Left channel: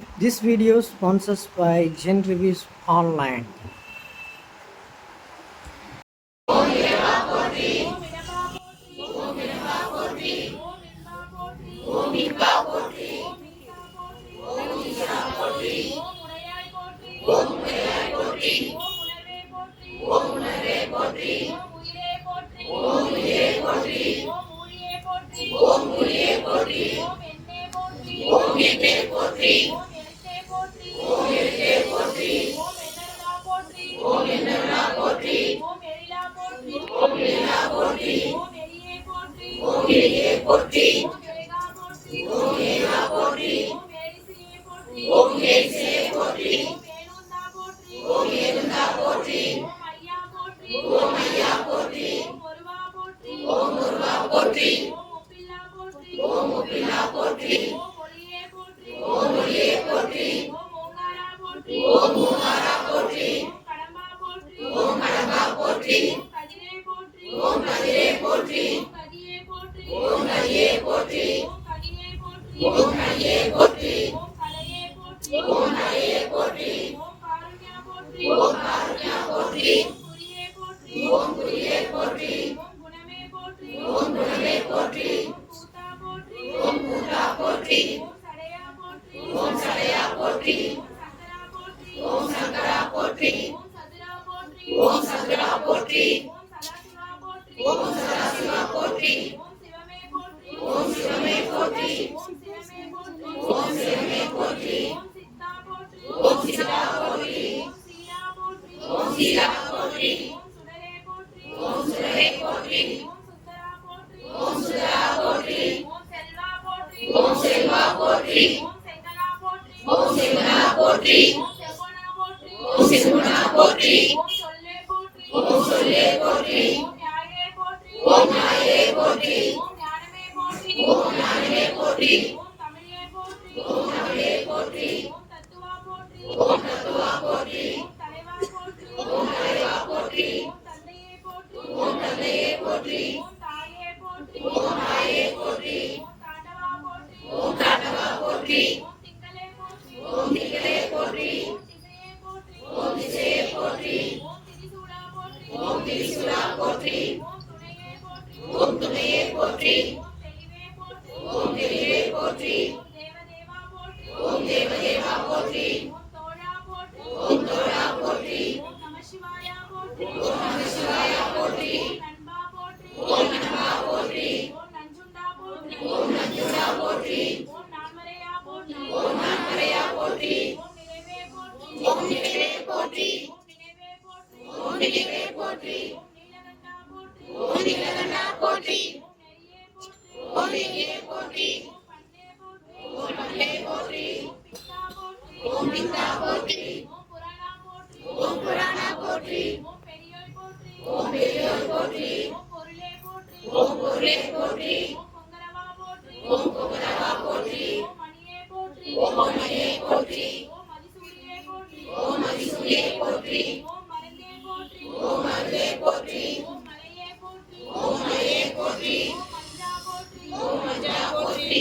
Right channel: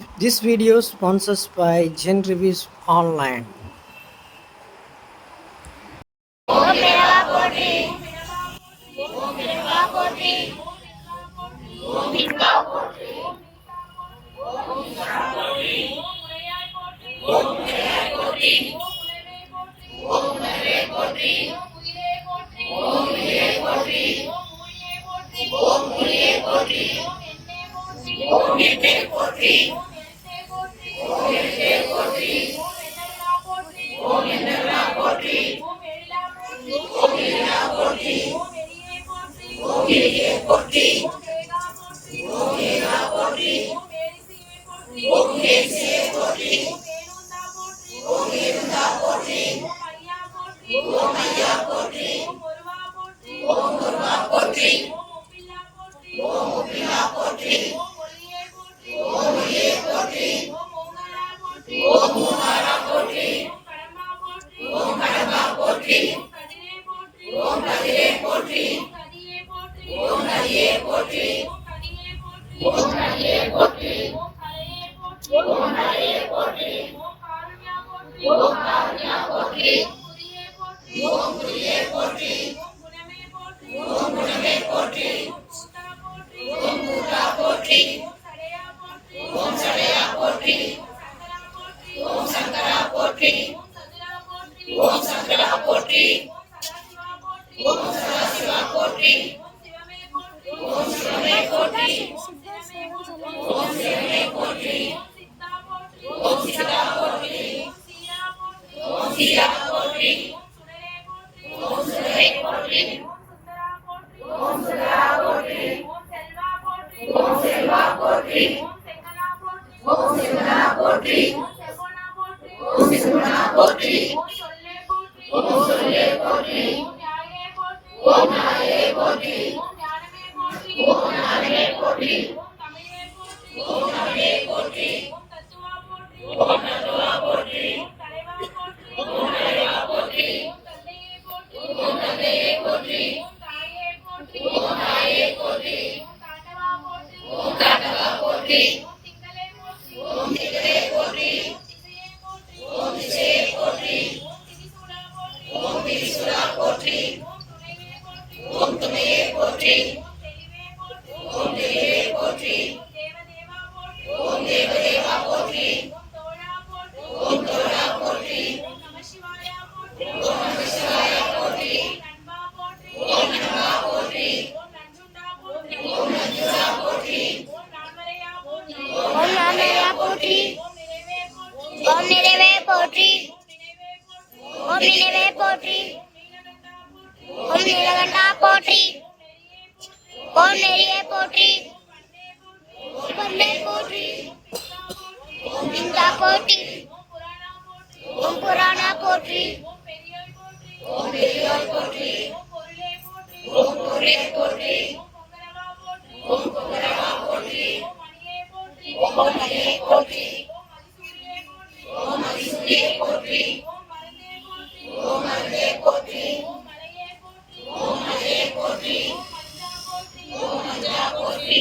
This video is sponsored by Gen Reviews Online. ஓம் நிறைவே போற்றி. ஓம் நிறைவே போற்றி. ஓம் நீலகண்டா போற்றி. ஓம் நெறியே போற்றி. ஓம் பல்லே போற்றி. ஓம் இந்தா போற்றி. ஓம் புராணா போற்றி. ஓம் பெரியோய் போற்றி. ஓம் பொருளே போற்றி. ஓம் பொங்கரவா போற்றி. ஓம் மணியே போற்றி. ஓம் மதிசூரியே போற்றி. ஓம் மருந்தே போற்றி. ஓம் மலையே போற்றி. ஓம் மஞ்சா போற்றி.